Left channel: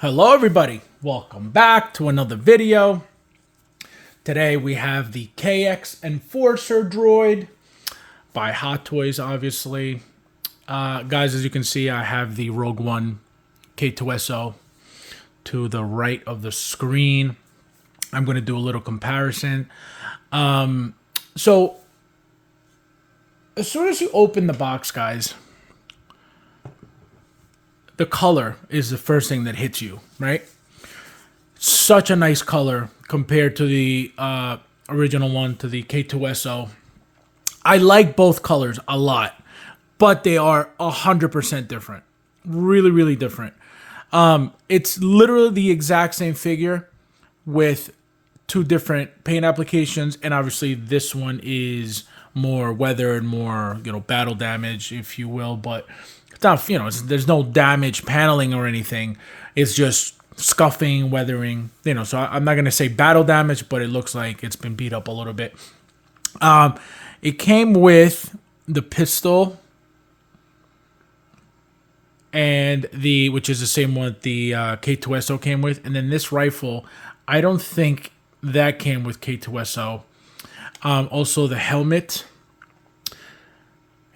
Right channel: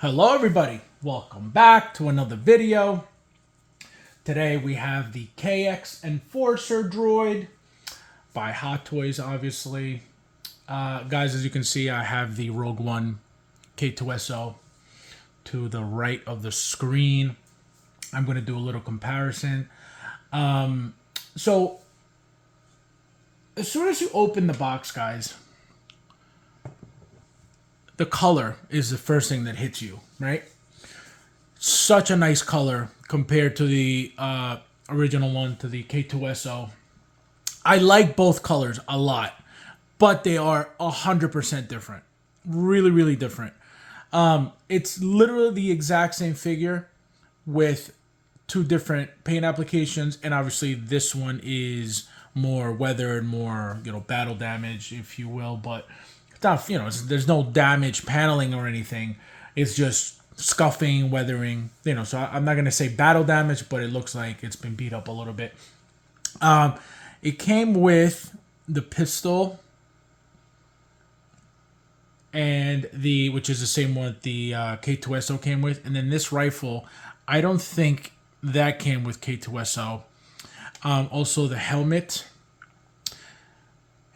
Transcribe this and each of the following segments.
Hello everybody, welcome back to another video. Today we have the KX Enforcer Droid by Hot Toys, obviously. Guys, as you can see, I have the Rogue One K2SO to the right of the screen. I'm going to do a little comparison. So, as soon as you open the box, guys, the color is the first thing that hits you, right? Such a nice color compared to the original one, to the K2SO. I like both colors a lot, but they are 100% different. Really, really different. It's literally the exact same figure with two different paint applications, and obviously this one is more weathered, more, battle damage, if you will, but it's not, there's no damage paneling or anything. It's just scuffing, weathering, so I'm not going to say battle damage, but it looks like it's been beat up a little bit. It came with the pistol and which is the same one the K2SO came with. And then this rifle, I don't think that came with K2SO. Also the helmet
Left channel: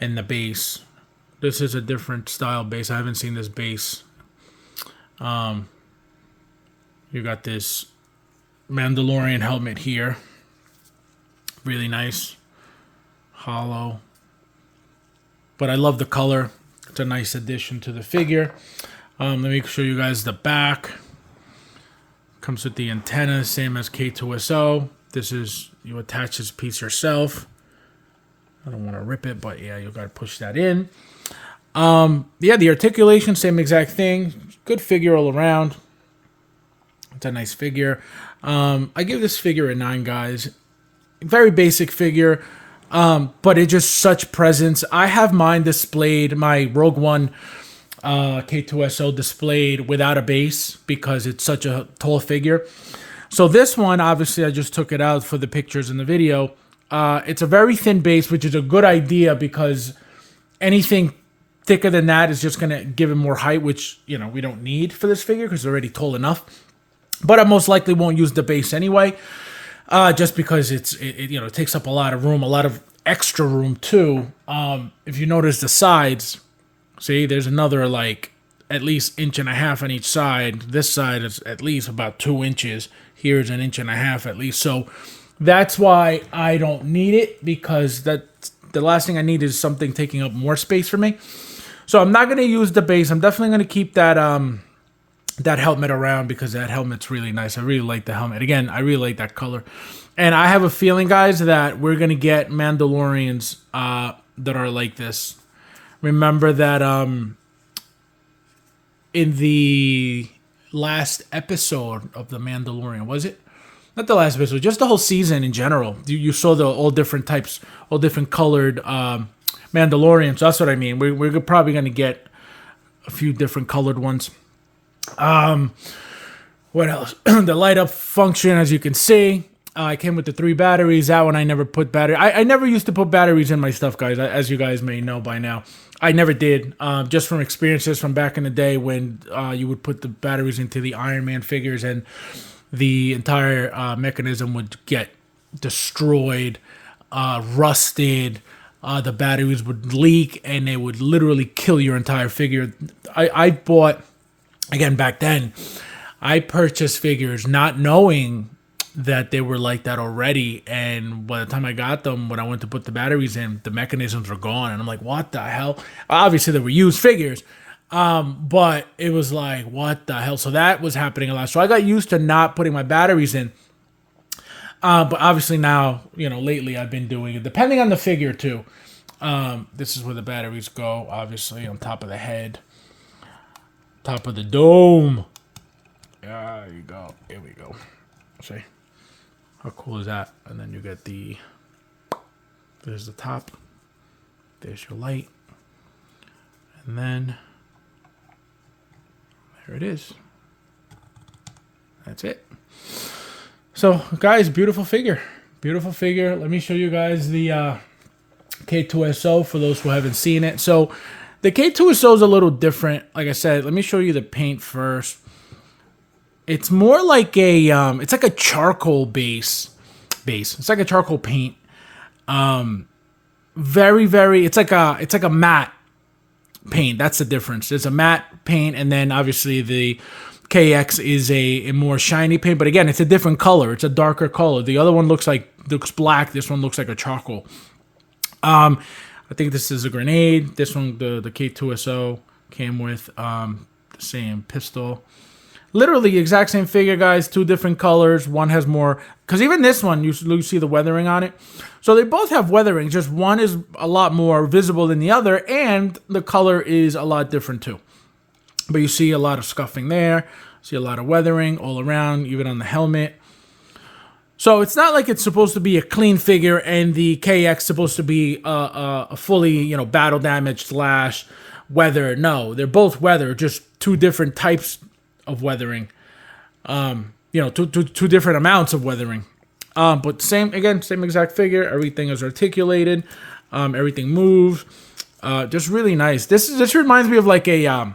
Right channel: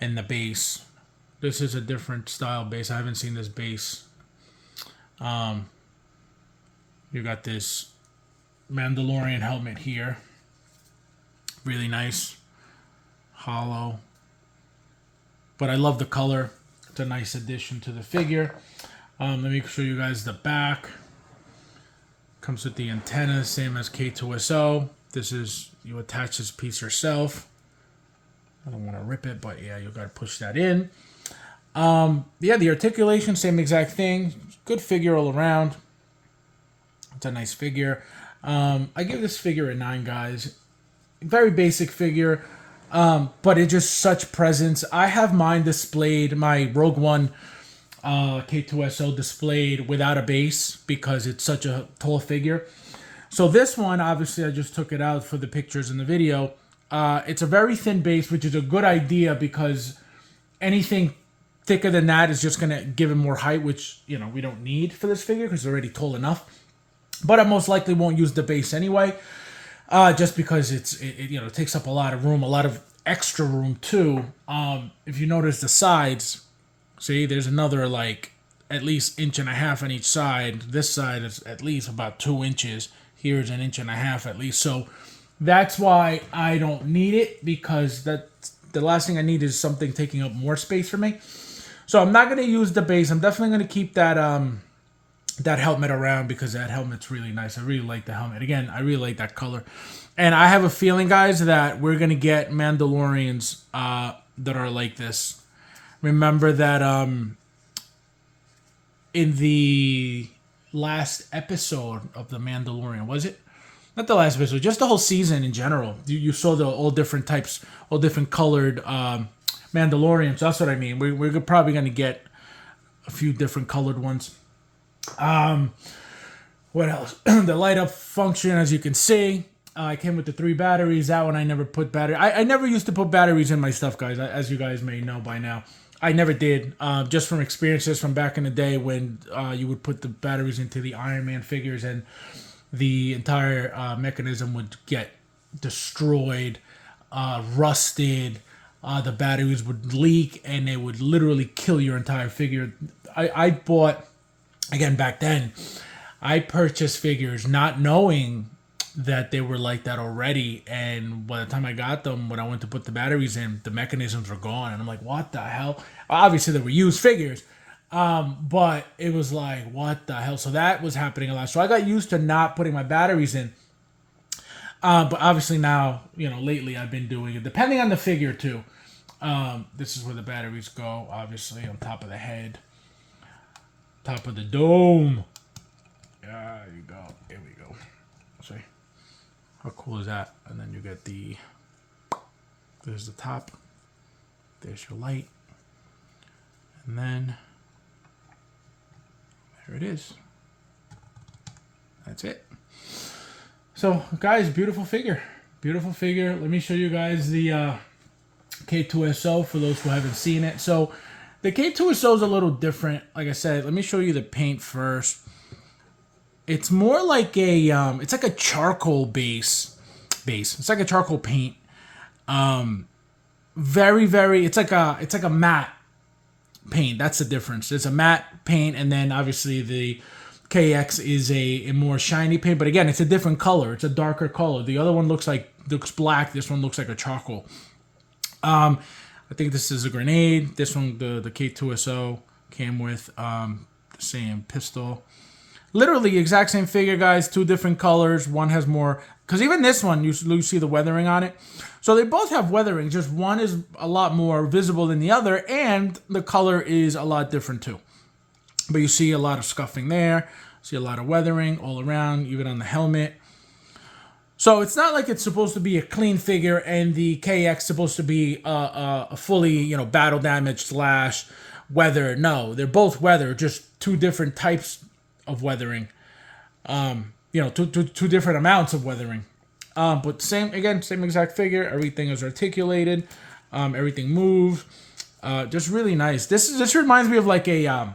and the base. This is a different style base. I haven't seen this base. You got this Mandalorian helmet here. Really nice. Hollow. But I love the color. It's a nice addition to the figure. Let me show you guys the back. Comes with the antenna, same as K2SO. This is, you attach this piece yourself. I don't want to rip it, but yeah, you got to push that in. Yeah, the articulation, same exact thing. Good figure all around. It's a nice figure. I give this figure a 9, guys. Very basic figure, but it's just such presence. I have mine displayed, my Rogue One K2SO displayed without a base because it's such a tall figure. So this one, obviously, I just took it out for the pictures in the video. It's a very thin base, which is a good idea because anything thicker than that is just going to give it more height, which, we don't need for this figure because it's already tall enough. But I most likely won't use the base anyway, just because it takes up a lot of room, a lot of extra room too. If you notice the sides, see, there's another at least 1.5 inches on each side. This side is at least about 2 inches. Here's 1.5 inches at least. So that's why I don't need it, because the last thing I need is something taking up more space for me. So I'm not going to use the base. I'm definitely going to keep that that helmet around because that helmet's really nice. I really like the helmet. Again, I really like that color. And I have a feeling, guys, that we're going to get Mandalorians that are like this. Remember that in the last episode of The Mandalorian, was it? Not the last episode, just the whole season in general. You saw all different types, all different colored Mandalorians. That's what I mean. We're probably going to get a few different colored ones. What else? The light up function, as you can see, I came with the 3 batteries. That one I never put battery. I never used to put batteries in my stuff, guys, as you guys may know by now. I never did, just from experiences from back in the day when you would put the batteries into the Iron Man figures and the entire mechanism would get destroyed, rusted. The batteries would leak and they would literally kill your entire figure. I bought, again, back then, I purchased figures not knowing that they were like that already. And by the time I got them, when I went to put the batteries in, the mechanisms were gone. And I'm like, what the hell? Obviously, they were used figures. But it was like, what the hell? So that was happening a lot. So I got used to not putting my batteries in. But obviously now, lately I've been doing it, depending on the figure too. This is where the batteries go, obviously, on top of the head. Top of the dome. There you go. Here we go. See? How cool is that? And then you get there's the top. There's your light. And then there it is. That's it. So, guys, beautiful figure. Beautiful figure. Let me show you guys the K2SO for those who haven't seen it. So, the K2SO is a little different. Like I said, let me show you the paint first. It's more like a it's like a charcoal base. It's like a charcoal paint. Very it's like a matte paint. That's the difference. There's a matte paint, and then obviously the KX is a more shiny paint. But again, it's a different color. It's a darker color. The other one looks black. This one looks like a charcoal. I think this is a grenade. This one, the K2SO came with the same pistol. Literally the exact same figure, guys. Two different colors. One has more, because even this one, you see the weathering on it. So they both have weathering. Just one is a lot more visible than the other, and the color is a lot different too. But you see a lot of scuffing there. See a lot of weathering all around, even on the helmet. So it's not like it's supposed to be a clean figure and the KX supposed to be a fully, battle damage / weather. No, they're both weather, just two different types of weathering. Two different amounts of weathering. But same exact figure. Everything is articulated. Everything moves. Just really nice. This reminds me of like an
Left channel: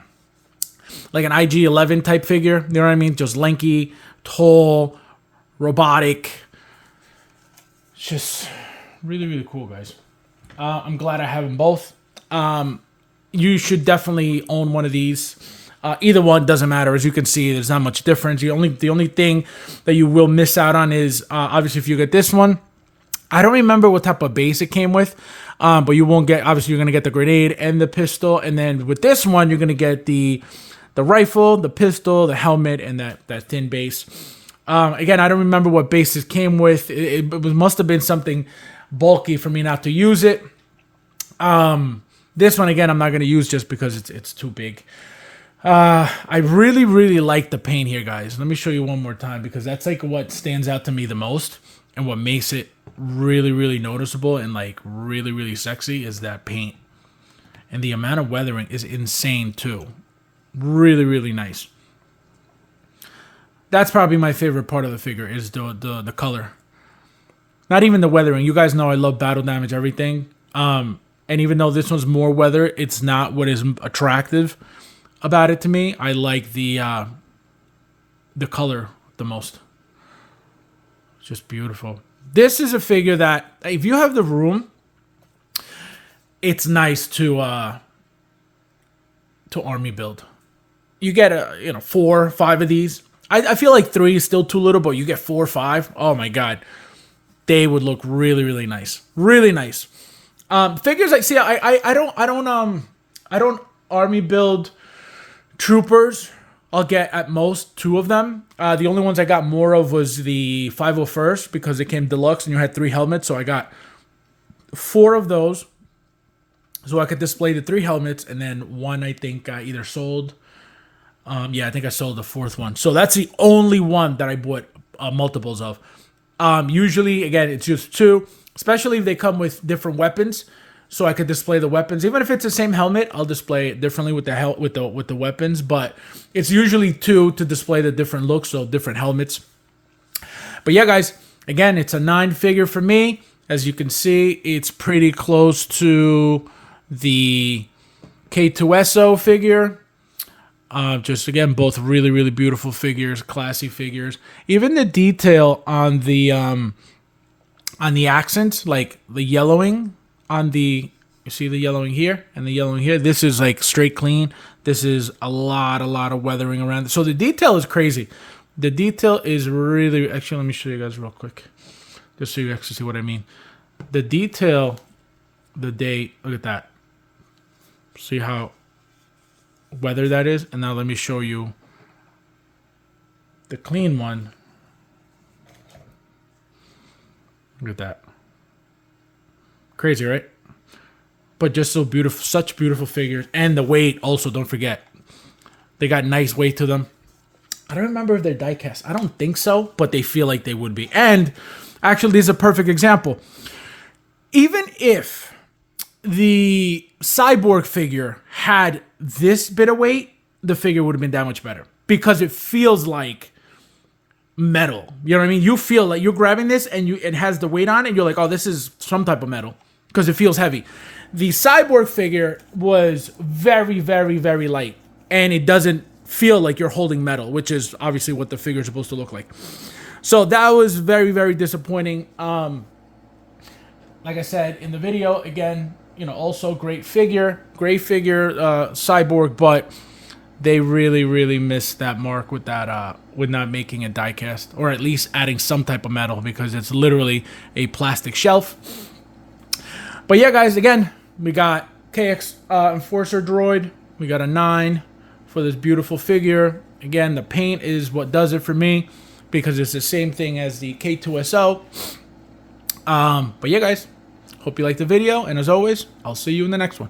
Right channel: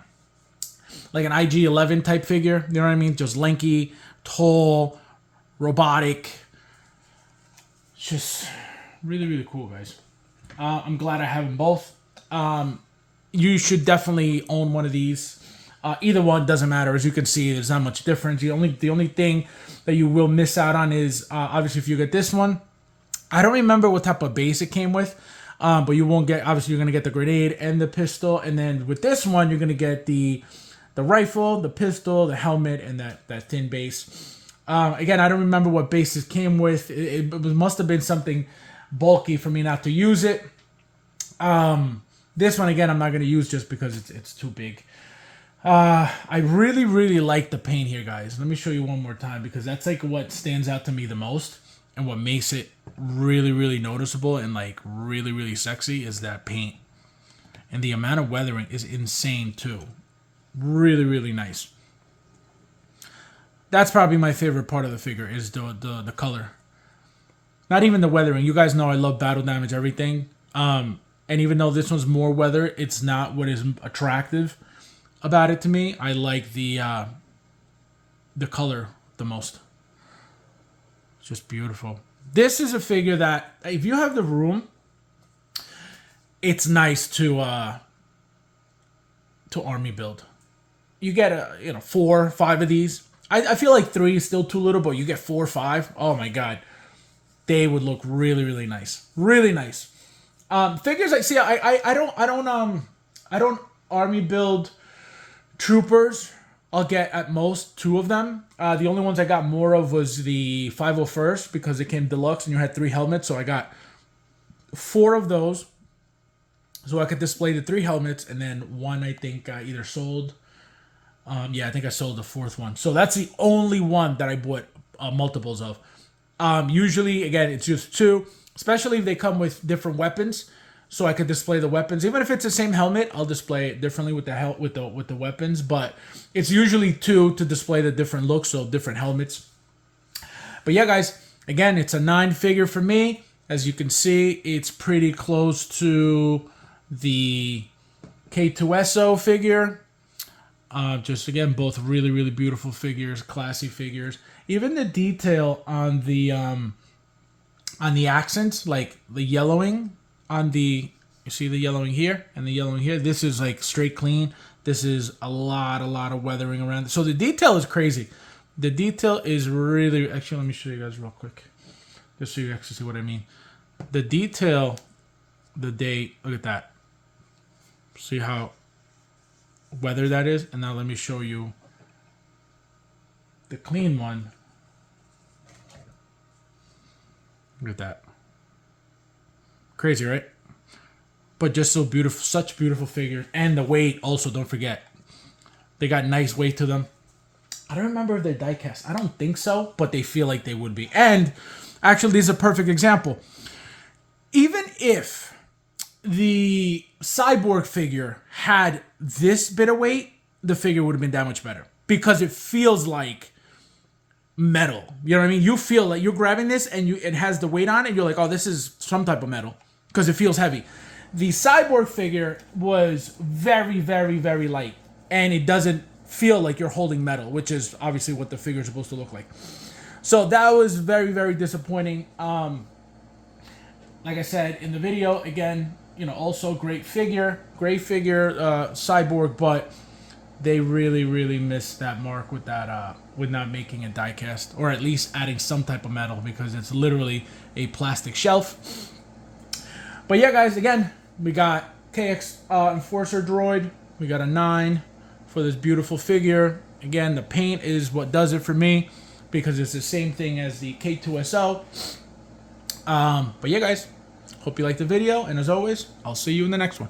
IG-11 type figure. You know what I mean? Just lanky, tall, robotic. Just really, really cool, guys. I'm glad I have them both. You should definitely own one of these. Either one doesn't matter. As you can see, there's not much difference. The only thing that you will miss out on is obviously if you get this one. I don't remember what type of base it came with, but you won't get. Obviously, you're gonna get the grenade and the pistol, and then with this one, you're gonna get the rifle, the pistol, the helmet, and that thin base. Again, I don't remember what base it came with. It must have been something bulky for me not to use it. This one, again, I'm not going to use just because it's too big. I really, really like the paint here, guys. Let me show you one more time because that's like what stands out to me the most and what makes it really, really noticeable and like really, really sexy is that paint. And the amount of weathering is insane too. Really, really nice. That's probably my favorite part of the figure is the color. Not even the weathering. You guys know I love battle damage, everything. And even though this one's more weather, it's not what is attractive about it to me. I like the color the most. It's just beautiful. This is a figure that if you have the room, it's nice to army build. You get 4 or 5 of these. I feel like 3 is still too little, but you get 4 or 5. Oh my god, they would look really, really nice, really nice. Figures I see. I don't army build troopers. I'll get at most 2 of them. The only ones I got more of was the 501st because it came deluxe and you had 3 helmets. So I got 4 of those, so I could display the 3 helmets, and then 1 I think I either sold. Yeah, I think I sold the 4th one. So that's the only one that I bought multiples of. Usually, again, it's just 2, especially if they come with different weapons, so I could display the weapons. Even if it's the same helmet, I'll display it differently with the weapons. But it's usually 2 to display the different looks, so different helmets. But yeah, guys, again, it's a 9 figure for me. As you can see, it's pretty close to the K2SO figure. Just again, both really, really beautiful figures, classy figures. Even the detail on the accents, like the yellowing on the, you see the yellowing here and the yellowing here. This is like straight clean. This is a lot of weathering around. So the detail is crazy. The detail is really, actually, let me show you guys real quick, just so you actually see what I mean. The detail, the date, look at that. See how weather that is? And now let me show you the clean one. Look at that. Crazy, right? But just so beautiful, such beautiful figures. And the weight also, don't forget. They got nice weight to them. I don't remember if they're die cast. I don't think so, but they feel like they would be. And actually, this is a perfect example. Even if the cyborg figure had this bit of weight, the figure would have been that much better because it feels like metal. You know what I mean? You feel like you're grabbing this and it has the weight on it, and you're like, oh, this is some type of metal because it feels heavy. The cyborg figure was very, very, very light, and it doesn't feel like you're holding metal, which is obviously what the figure is supposed to look like. So that was very, very disappointing. Like I said in the video, again, you know, also great figure, Cyborg, but they really, really missed that mark with that, with not making a die cast, or at least adding some type of metal, because it's literally a plastic shelf. But yeah, guys, again, we got KX Enforcer Droid. We got a 9 for this beautiful figure. Again, the paint is what does it for me, because it's the same thing as the K2SO. But yeah, guys, hope you liked the video, and as always, I'll see you in the next one.